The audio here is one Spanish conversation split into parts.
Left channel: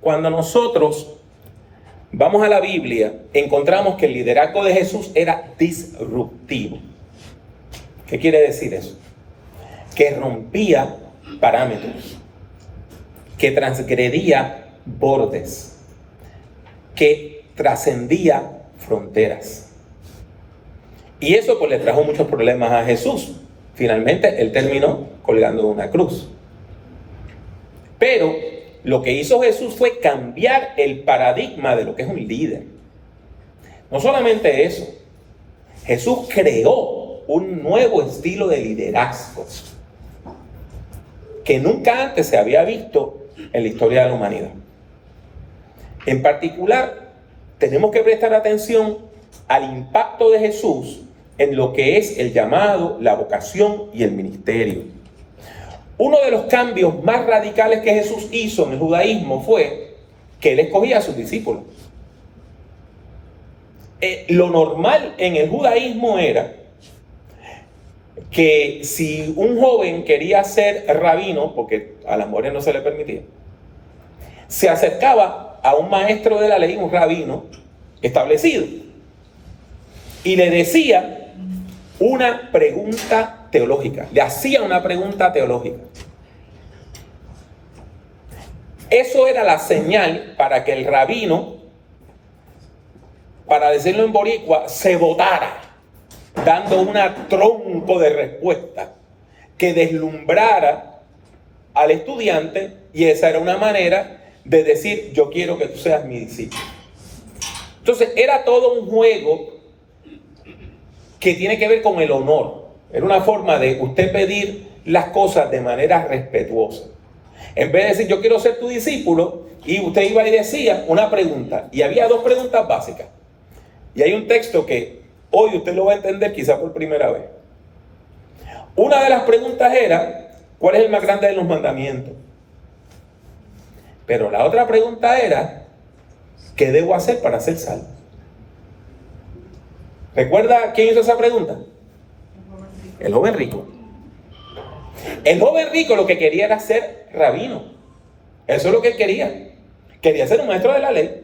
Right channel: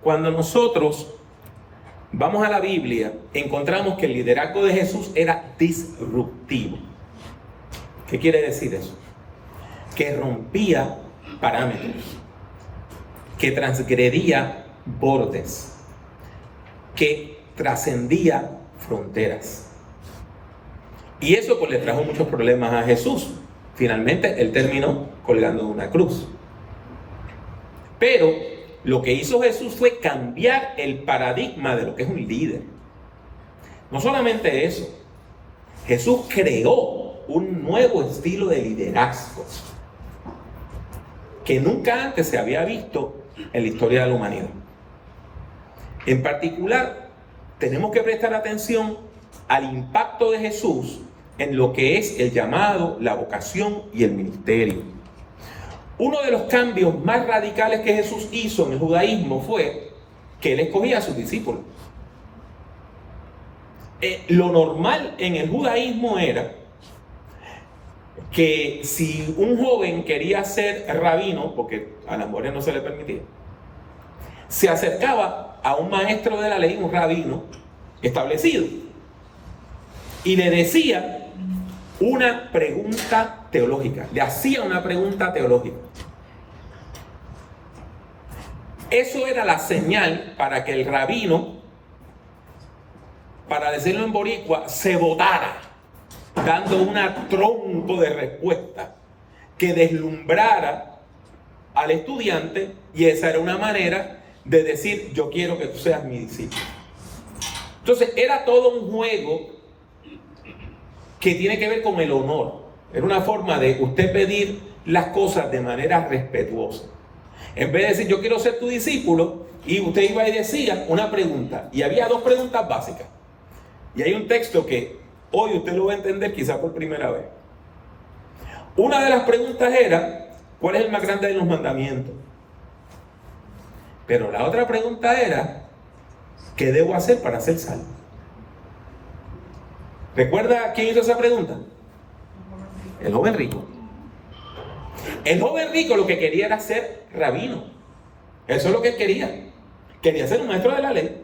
Cuando nosotros vamos a la Biblia, encontramos que el liderazgo de Jesús era disruptivo. ¿Qué quiere decir eso? Que rompía parámetros, que transgredía bordes, que trascendía fronteras. Y eso pues le trajo muchos problemas a Jesús. Finalmente él terminó colgando de una cruz. Pero lo que hizo Jesús fue cambiar el paradigma de lo que es un líder. No solamente eso, Jesús creó un nuevo estilo de liderazgo que nunca antes se había visto en la historia de la humanidad. En particular, tenemos que prestar atención al impacto de Jesús en lo que es el llamado, la vocación y el ministerio. Uno de los cambios más radicales que Jesús hizo en el judaísmo fue que él escogía a sus discípulos. Lo normal en el judaísmo era que si un joven quería ser rabino, porque a las mujeres no se le permitía, se acercaba a un maestro de la ley, un rabino establecido, y le decía una pregunta teológica, le hacía una pregunta teológica. Eso era la señal para que el rabino, para decirlo en boricua, se botara, dando un tronco de respuesta que deslumbrara al estudiante, y esa era una manera de decir: yo quiero que tú seas mi discípulo. Entonces era todo un juego que tiene que ver con el honor. Era una forma de usted pedir las cosas de manera respetuosa. En vez de decir: yo quiero ser tu discípulo, y usted iba y decía una pregunta, y había dos preguntas básicas. Y hay un texto que hoy usted lo va a entender quizá por primera vez. Una de las preguntas era: ¿cuál es el más grande de los mandamientos? Pero la otra pregunta era: ¿qué debo hacer para ser salvo? ¿Recuerda quién hizo esa pregunta? El joven rico. El joven rico lo que quería era ser rabino. Eso es lo que él quería. Quería ser un maestro de la ley.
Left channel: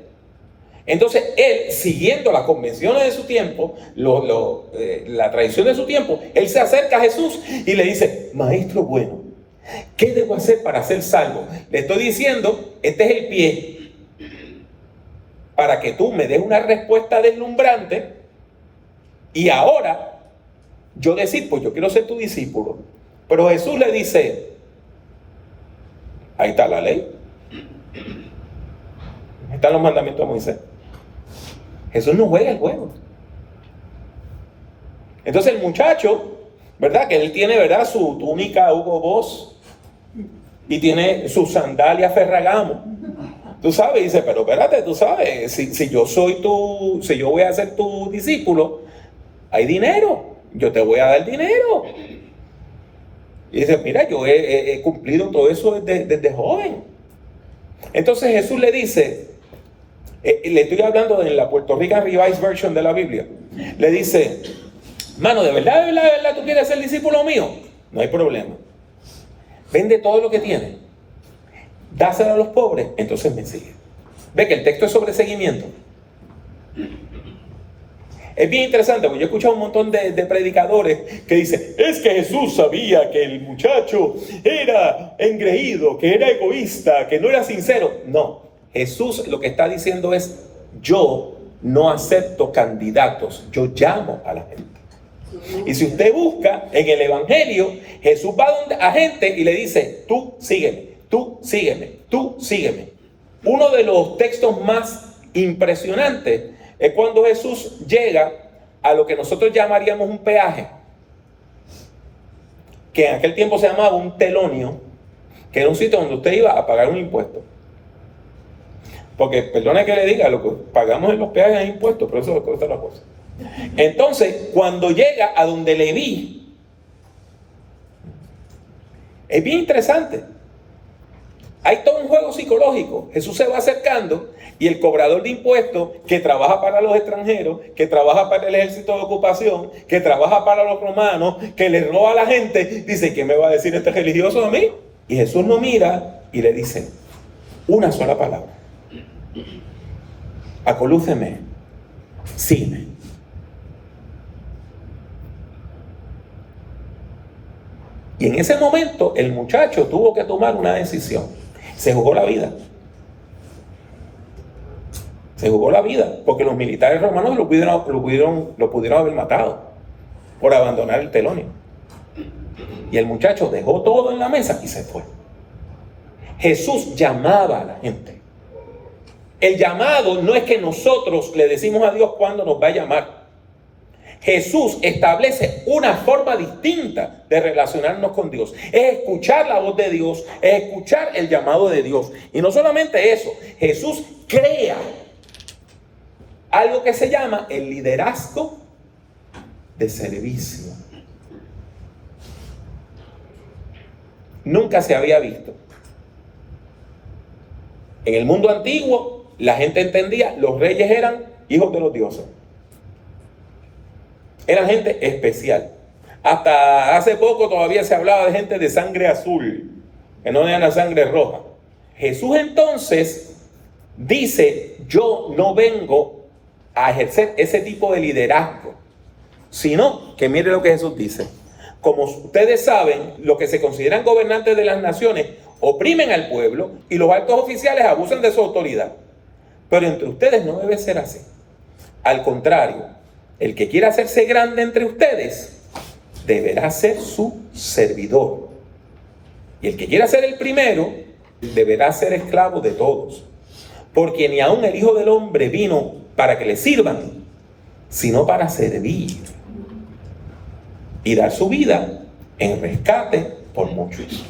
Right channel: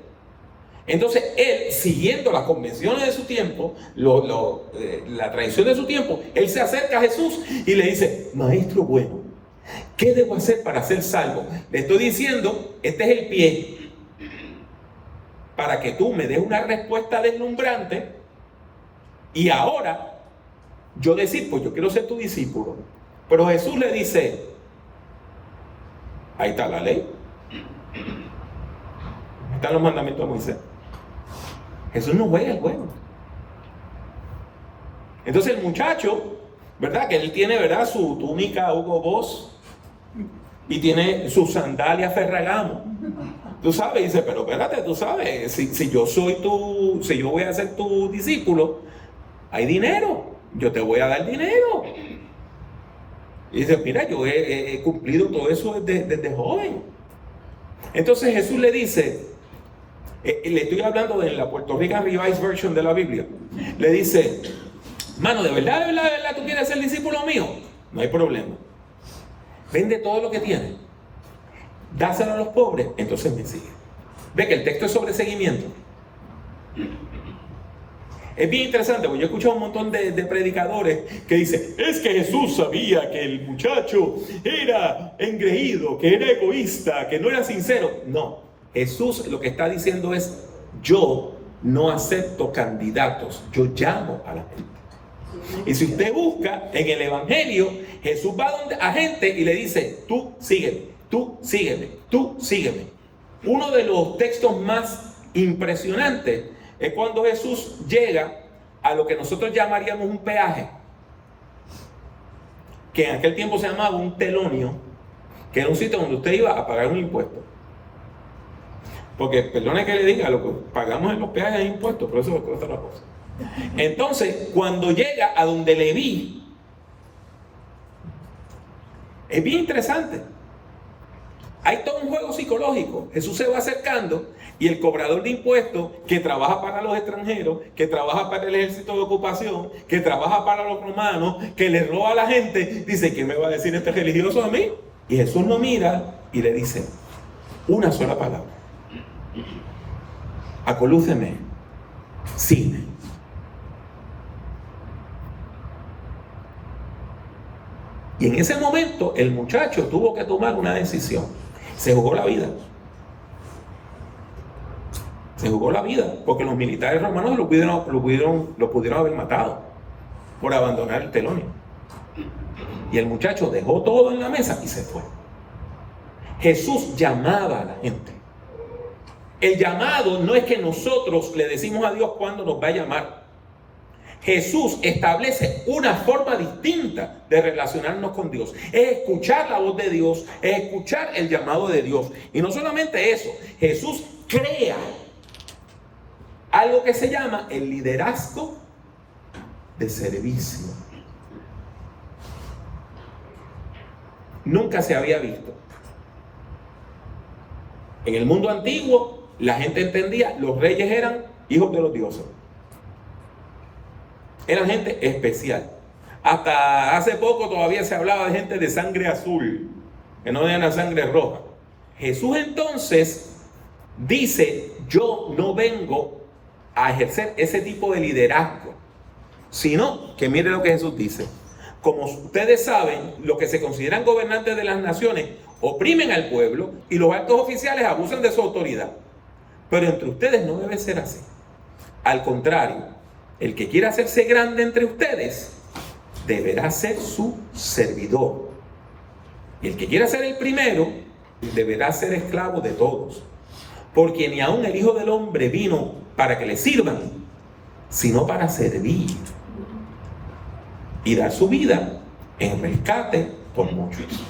Entonces él, siguiendo las convenciones de su tiempo, la tradición de su tiempo, él se acerca a Jesús y le dice: maestro bueno, ¿qué debo hacer para ser salvo? Le estoy diciendo, este es el pie para que tú me des una respuesta deslumbrante, y ahora yo decir: pues yo quiero ser tu discípulo. Pero Jesús le dice: ahí está la ley, ahí están los mandamientos de Moisés. Jesús no juega el juego. Entonces el muchacho, ¿verdad? Que él tiene, ¿verdad?, su túnica Hugo Boss y tiene su sandalia Ferragamo. Tú sabes, dice: pero espérate, tú sabes, si yo voy a ser tu discípulo, hay dinero, yo te voy a dar dinero. Y dice: mira, yo he cumplido todo eso desde joven. Entonces Jesús le dice, le estoy hablando en la Puerto Rican Revised Version de la Biblia, le dice: mano, ¿de verdad tú quieres ser discípulo mío? No hay problema. Vende todo lo que tienes, dáselo a los pobres, entonces me sigue. Ve que el texto es sobre seguimiento. Es bien interesante, porque yo he escuchado un montón de predicadores que dicen: es que Jesús sabía que el muchacho era engreído, que era egoísta, que no era sincero. No, Jesús lo que está diciendo es: yo no acepto candidatos, yo llamo a la gente. Y si usted busca en el Evangelio, Jesús va a gente y le dice: tú sígueme, tú sígueme, tú sígueme. Uno de los textos más impresionantes es cuando Jesús llega a lo que nosotros llamaríamos un peaje, que en aquel tiempo se llamaba un telonio, que era un sitio donde usted iba a pagar un impuesto. Porque, perdone que le diga, lo que pagamos en los peajes es impuestos, pero eso es otra cosa. Entonces, cuando llega a donde Leví, es bien interesante. Hay todo un juego psicológico. Jesús se va acercando y el cobrador de impuestos, que trabaja para los extranjeros, que trabaja para el ejército de ocupación, que trabaja para los romanos, que le roba a la gente, dice: ¿qué me va a decir este religioso a mí? Y Jesús lo mira y le dice una sola palabra: Acolúceme, sígueme. Y en ese momento el muchacho tuvo que tomar una decisión. Se jugó la vida. Se jugó la vida, porque los militares romanos lo pudieron haber matado por abandonar el telonio. Y el muchacho dejó todo en la mesa y se fue. Jesús llamaba a la gente. El llamado no es que nosotros le decimos a Dios cuándo nos va a llamar. Jesús establece una forma distinta de relacionarnos con Dios. Es escuchar la voz de Dios, es escuchar el llamado de Dios. Y no solamente eso, Jesús crea algo que se llama el liderazgo de servicio. Nunca se había visto. En el mundo antiguo, la gente entendía, los reyes eran hijos de los dioses. Eran gente especial. Hasta hace poco todavía se hablaba de gente de sangre azul, que no era sangre roja. Jesús entonces dice, yo no vengo a ejercer ese tipo de liderazgo, sino que mire lo que Jesús dice. Como ustedes saben, los que se consideran gobernantes de las naciones oprimen al pueblo y los altos oficiales abusan de su autoridad. Pero entre ustedes no debe ser así. Al contrario, el que quiera hacerse grande entre ustedes deberá ser su servidor. Y el que quiera ser el primero deberá ser esclavo de todos. Porque ni aun el Hijo del Hombre vino para que le sirvan, sino para servir y dar su vida en rescate por muchos.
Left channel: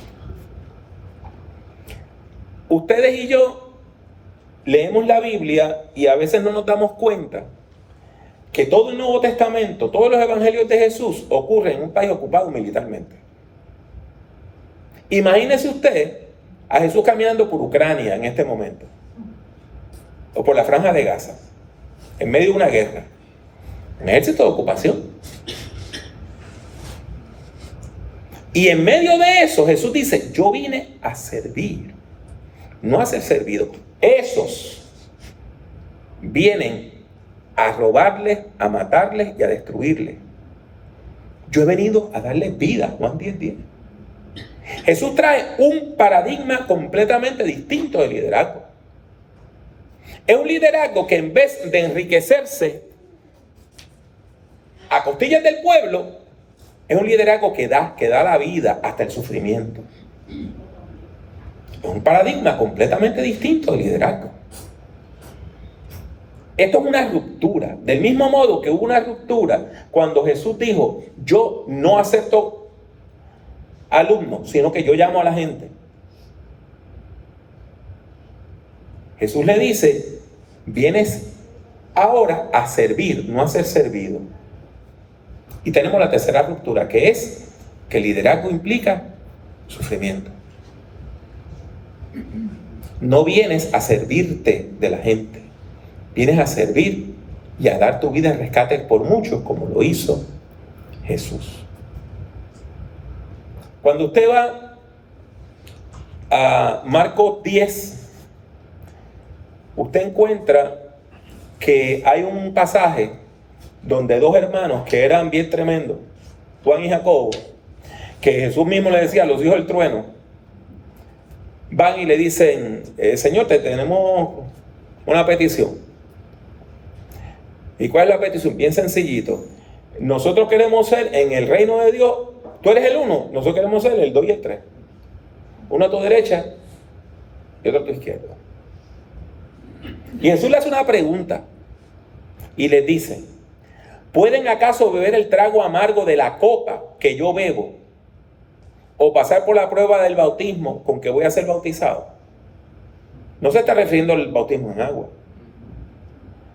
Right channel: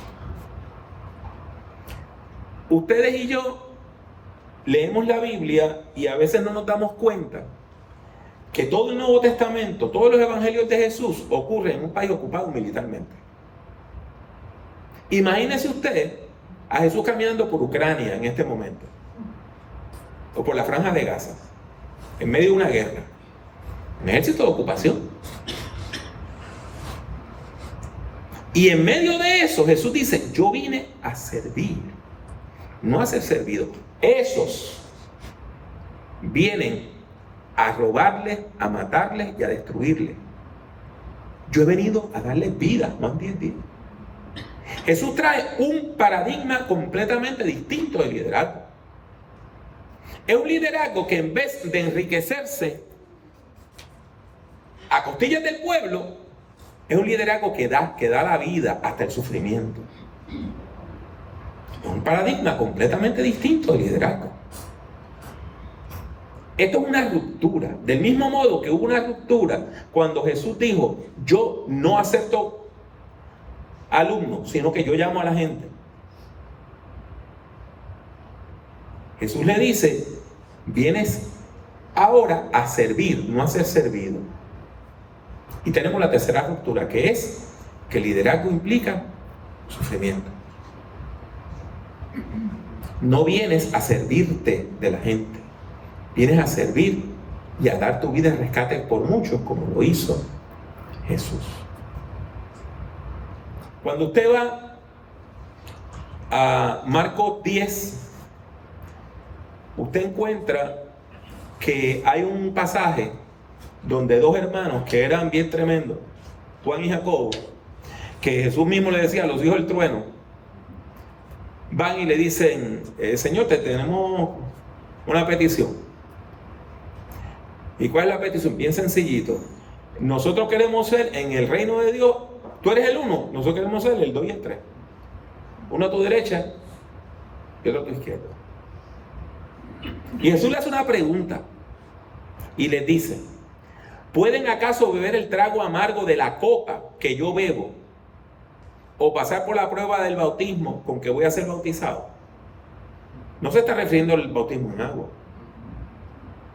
Ustedes y yo leemos la Biblia y a veces no nos damos cuenta que todo el Nuevo Testamento, todos los evangelios de Jesús ocurren en un país ocupado militarmente. Imagínese usted a Jesús caminando por Ucrania en este momento, o por la Franja de Gaza, en medio de una guerra, un ejército de ocupación. Y en medio de eso Jesús dice, yo vine a servir, no a ser servido. Esos vienen a robarles, a matarles y a destruirles. Yo he venido a darles vida. Juan 10:10. Jesús trae un paradigma completamente distinto de liderazgo. Es un liderazgo que en vez de enriquecerse a costillas del pueblo, es un liderazgo que da la vida hasta el sufrimiento. Es un paradigma completamente distinto de liderazgo. Esto es una ruptura. Del mismo modo que hubo una ruptura cuando Jesús dijo, yo no acepto alumnos, sino que yo llamo a la gente. Jesús le dice, vienes ahora a servir, no a ser servido. Y tenemos la tercera ruptura, que es que el liderazgo implica sufrimiento. No vienes a servirte de la gente. Vienes a servir y a dar tu vida en rescate por muchos, como lo hizo Jesús. Cuando usted va a Marcos 10, usted encuentra que hay un pasaje donde dos hermanos que eran bien tremendos, Juan y Jacobo, que Jesús mismo le decía a los hijos del trueno, van y le dicen, Señor, te tenemos una petición. ¿Y cuál es la petición? Bien sencillito. Nosotros queremos ser en el reino de Dios, tú eres el uno, nosotros queremos ser el 2 y el 3. Uno a tu derecha y otro a tu izquierda. Y Jesús le hace una pregunta y les dice, ¿pueden acaso beber el trago amargo de la copa que yo bebo o pasar por la prueba del bautismo con que voy a ser bautizado? No se está refiriendo al bautismo en agua.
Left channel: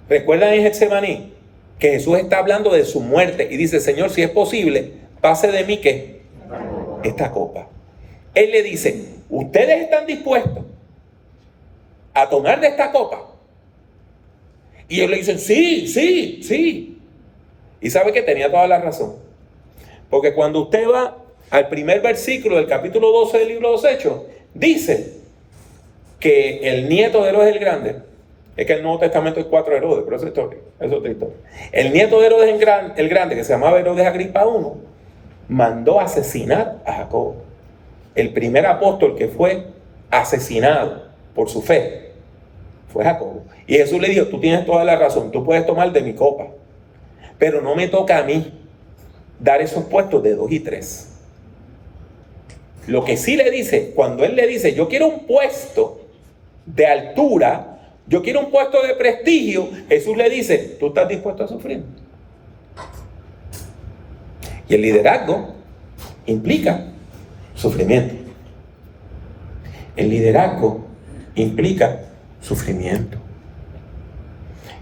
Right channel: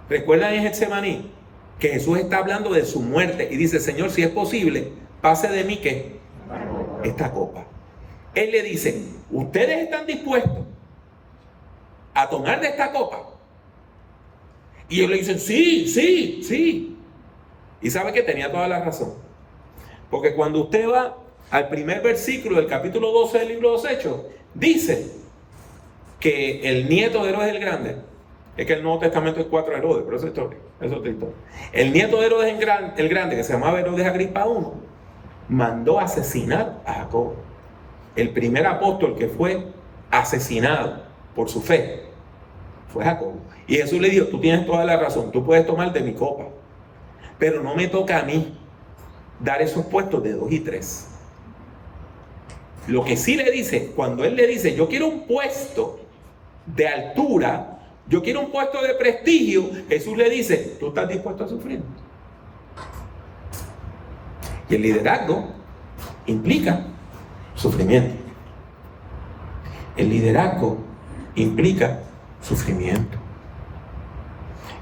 ¿Recuerdan en Getsemaní que Jesús está hablando de su muerte y dice, Señor, si es posible, pase de mí que esta copa? Él le dice, ¿ustedes están dispuestos a tomar de esta copa? Y ellos le dicen, sí. Y sabe que tenía toda la razón. Porque cuando usted va al primer versículo del capítulo 12 del libro de los Hechos, dice que el nieto de Herodes el Grande Es que en el Nuevo Testamento hay 4 Herodes, pero eso es otra historia. El nieto de Herodes el Grande, que se llamaba Herodes Agripa I, mandó asesinar a Jacobo. El primer apóstol que fue asesinado por su fe fue Jacobo. Y Jesús le dijo, tú tienes toda la razón, tú puedes tomar de mi copa, pero no me toca a mí dar esos puestos de 2 y 3. Lo que sí le dice, cuando él le dice, yo quiero un puesto de altura, yo quiero un puesto de prestigio, Jesús le dice, ¿tú estás dispuesto a sufrir? Y el liderazgo implica sufrimiento. El liderazgo implica sufrimiento.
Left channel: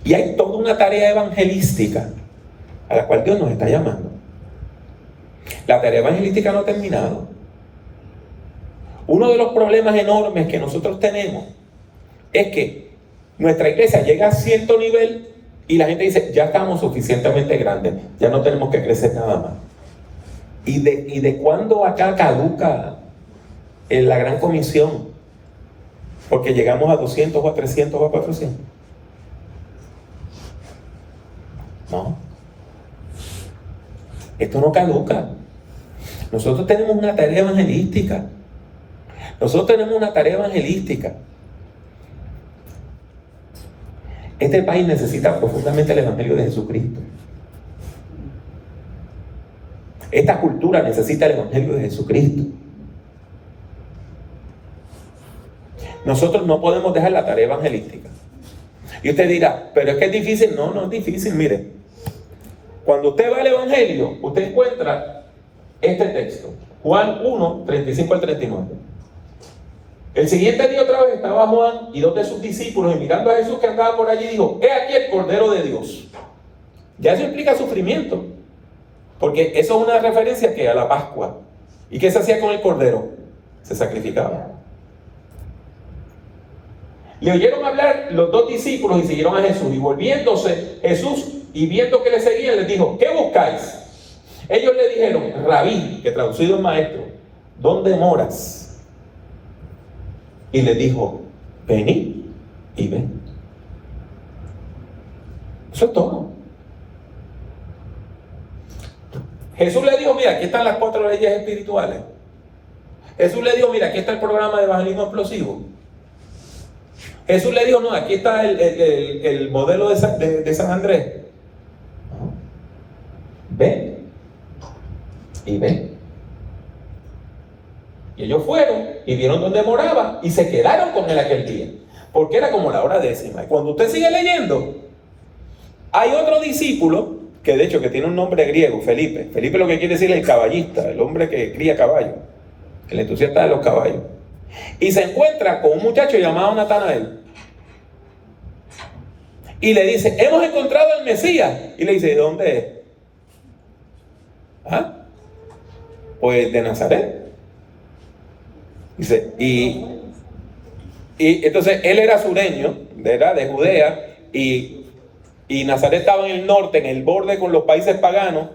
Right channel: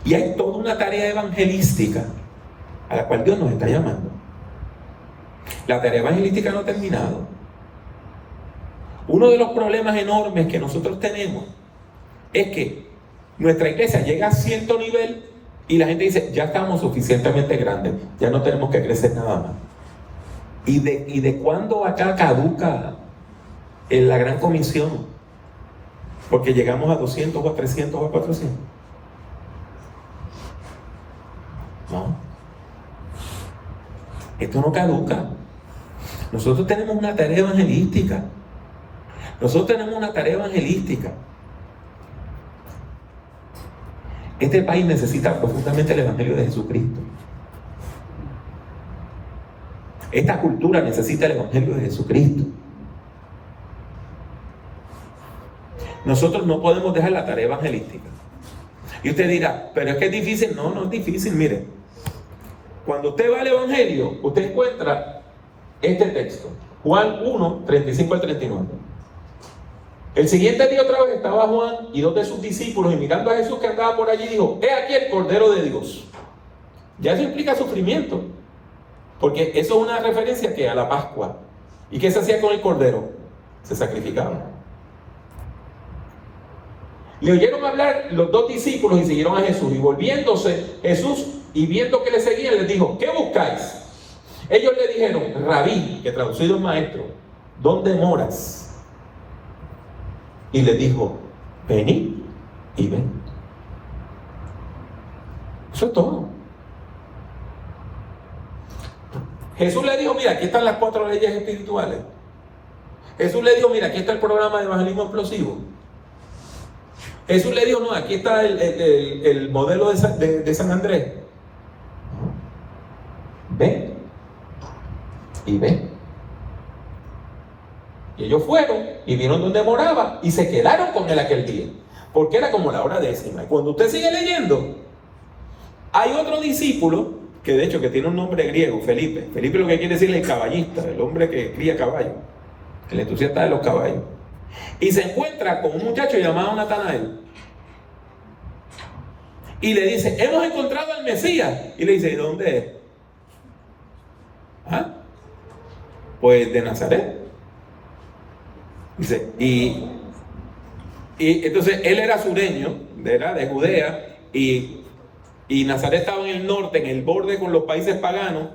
Y hay toda una tarea evangelística a la cual Dios nos está llamando. La tarea evangelística no ha terminado. Uno de los problemas enormes que nosotros tenemos es que nuestra iglesia llega a cierto nivel y la gente dice, ya estamos suficientemente grandes, ya no tenemos que crecer nada más. ¿Y de cuándo acá caduca en la gran comisión? Porque llegamos a 200 o a 300 o a 400. No. Esto no caduca. Nosotros tenemos una tarea evangelística. Este país necesita profundamente el Evangelio de Jesucristo. Esta cultura necesita el Evangelio de Jesucristo. Nosotros no podemos dejar la tarea evangelística. Y usted dirá, pero es que es difícil. No, no es difícil. Mire, cuando usted va al Evangelio, usted encuentra este texto. Juan 1, 35 al 39. El siguiente día otra vez estaba Juan y 2 de sus discípulos, y mirando a Jesús que andaba por allí, dijo, he aquí el Cordero de Dios. Ya eso implica sufrimiento, porque eso es una referencia que a la Pascua. ¿Y qué se hacía con el Cordero? Se sacrificaba. Le oyeron hablar los 2 discípulos y siguieron a Jesús, y volviéndose Jesús y viendo que le seguían, les dijo, ¿qué buscáis? Ellos le dijeron, Rabí, que traducido es maestro, ¿dónde moras? Y le dijo, venid y ven. Eso es todo. Jesús le dijo, mira, aquí están las 4 leyes espirituales. Jesús le dijo, mira, aquí está el programa de evangelismo explosivo. Jesús le dijo, no, aquí está el modelo de San Andrés. Ven y ven. Y ellos fueron y vieron dónde moraba y se quedaron con él aquel día, porque era como la hora 10. Y cuando usted sigue leyendo, hay otro discípulo que de hecho que tiene un nombre griego, Felipe. Felipe lo que quiere decir es el caballista, el hombre que cría caballos, el entusiasta de los caballos. Y se encuentra con un muchacho llamado Natanael y le dice, hemos encontrado al Mesías. Y le dice, ¿de dónde es? ¿Ah? Pues de Nazaret. Dice, y entonces él era sureño, era de Judea, y Nazaret estaba en el norte, en el borde con los países paganos,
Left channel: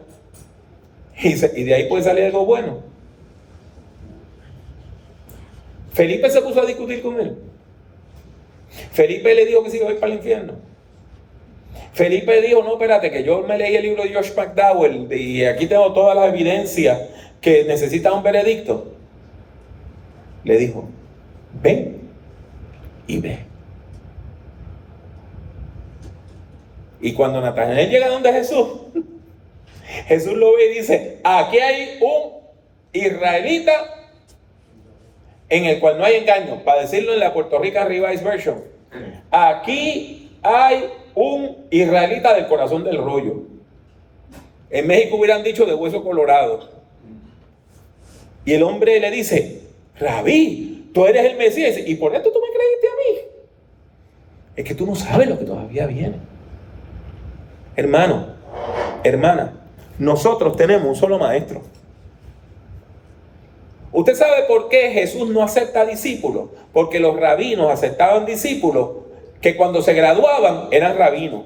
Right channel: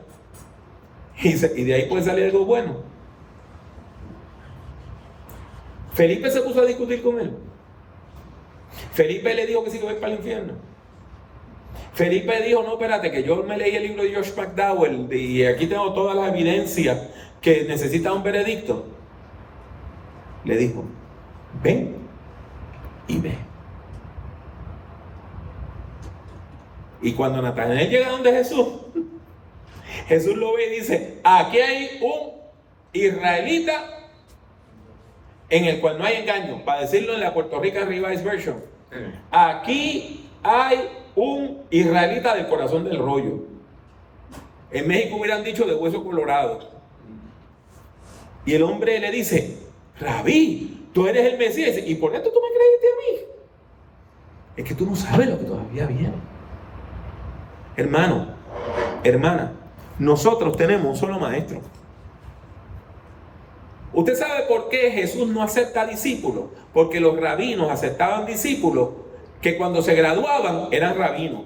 y de ahí puede salir algo bueno. Felipe se puso a discutir con él. Felipe le dijo que se iba a ir para el infierno. Felipe dijo, no, espérate, que yo me leí el libro de Josh McDowell y aquí tengo todas las evidencias que necesita un veredicto. Le dijo, ven y ve. Y cuando Natanael llega donde Jesús, Jesús lo ve y dice, aquí hay un israelita en el cual no hay engaño. Para decirlo en la Puerto Rican Revised Version, aquí hay un israelita del corazón del rollo. En México hubieran dicho de hueso colorado. Y el hombre le dice, Rabí, tú eres el Mesías. ¿Y por esto tú me creíste a mí? Es que tú no sabes lo que todavía viene. Hermano, hermana, nosotros tenemos un solo maestro. ¿Usted sabe por qué Jesús no acepta discípulos? Porque los rabinos aceptaban discípulos que cuando se graduaban eran rabinos.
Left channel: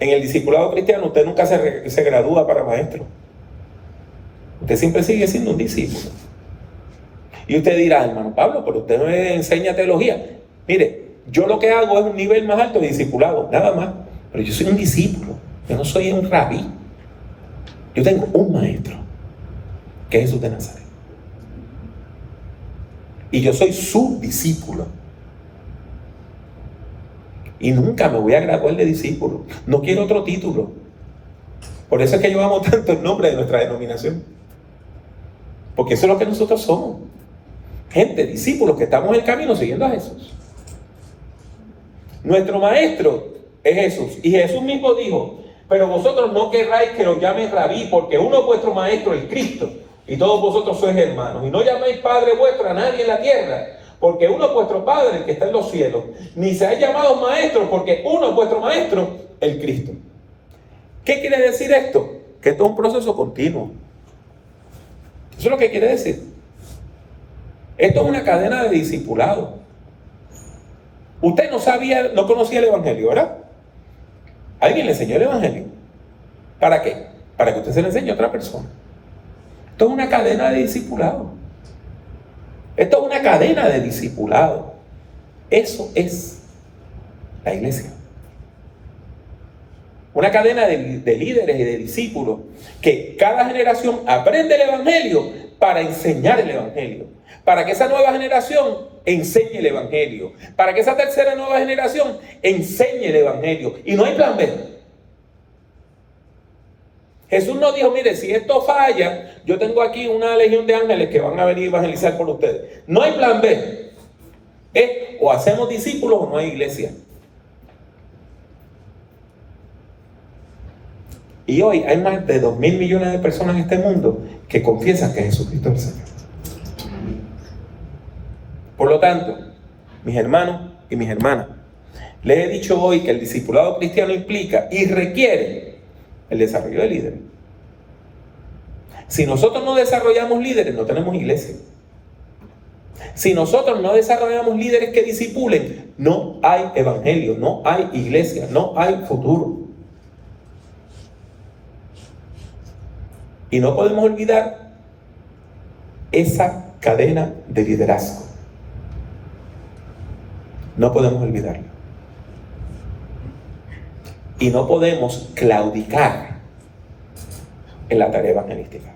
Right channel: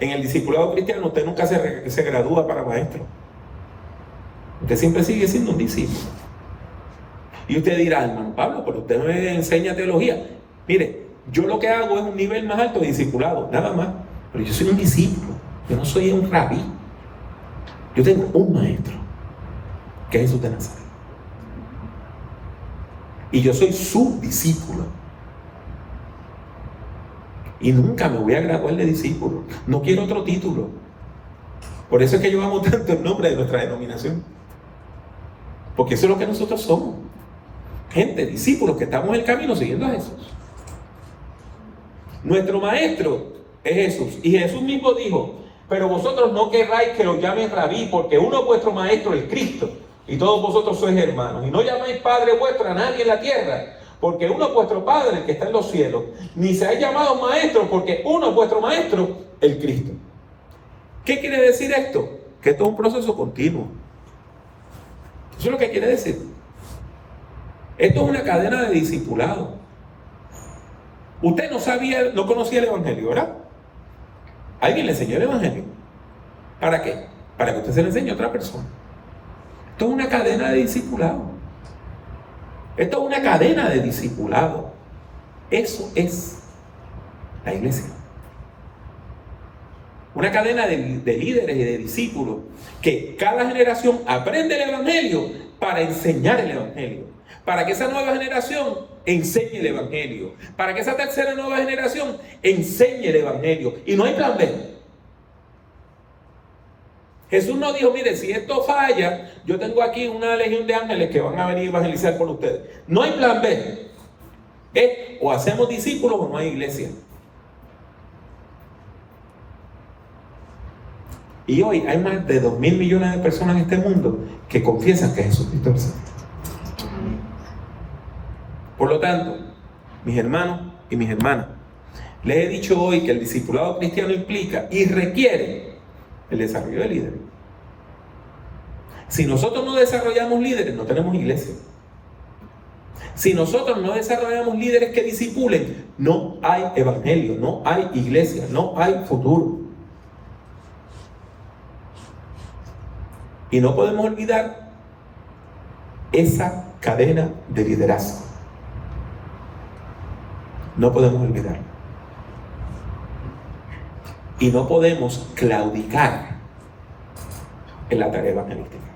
En el discipulado cristiano usted nunca se gradúa para maestro. Usted siempre sigue siendo un discípulo. Y usted dirá, hermano Pablo, pero usted me enseña teología. Mire, Yo lo que hago es un nivel más alto de discipulado, nada más. Pero yo soy un discípulo, yo no soy un rabí. Yo tengo un maestro, que es Jesús de Nazaret. Y yo soy su discípulo. Y nunca me voy a graduar de discípulo. No quiero otro título. Por eso es que yo amo tanto el nombre de nuestra denominación. Porque eso es lo que nosotros somos. Gente, discípulos que estamos en el camino siguiendo a Jesús. Nuestro maestro es Jesús. Y Jesús mismo dijo: pero vosotros no querráis que os llamen rabí, porque uno vuestro maestro es Cristo, y todos vosotros sois hermanos. Y no llaméis padre vuestro a nadie en la tierra, porque uno es vuestro Padre, el que está en los cielos. Ni seáis llamados maestros, porque uno es vuestro maestro, el Cristo. ¿Qué quiere decir esto? Que esto es un proceso continuo. Eso es lo que quiere decir. Esto es una cadena de discipulado. Usted no conocía el Evangelio, ¿verdad? Alguien le enseñó el Evangelio. ¿Para qué? Para que usted se le enseñe a otra persona. Esto es una cadena de discipulado. Esto es una cadena de discipulado. Eso es la iglesia. Una cadena de líderes y de discípulos que cada generación aprende el Evangelio para enseñar el Evangelio. Para que esa nueva generación enseñe el Evangelio. Para que esa tercera nueva generación enseñe el Evangelio. Y no hay plan B. Jesús no dijo: mire, si esto falla, yo tengo aquí una legión de ángeles que van a venir a evangelizar por ustedes. No hay plan B. Es o hacemos discípulos o no hay iglesia. Y hoy hay más de 2.000 millones de personas en este mundo que confiesan que Jesucristo es el Señor. Por lo tanto, mis hermanos y mis hermanas, les he dicho hoy que el discipulado cristiano implica y requiere el desarrollo de líderes. Si nosotros no desarrollamos líderes, no tenemos iglesia. Si nosotros no desarrollamos líderes que discipulen, no hay evangelio, no hay iglesia, no hay futuro. Y no podemos olvidar esa cadena de liderazgo. No podemos olvidarlo. Y no podemos claudicar en la tarea evangelística.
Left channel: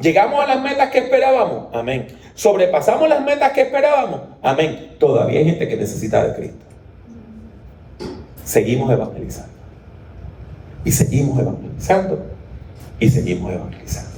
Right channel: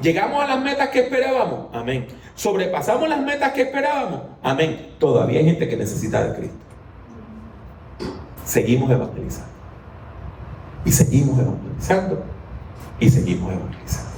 ¿Llegamos a las metas que esperábamos? Amén. ¿Sobrepasamos las metas que esperábamos? Amén. Todavía hay gente que necesita de Cristo. Seguimos evangelizando. Y seguimos evangelizando. Y seguimos evangelizando.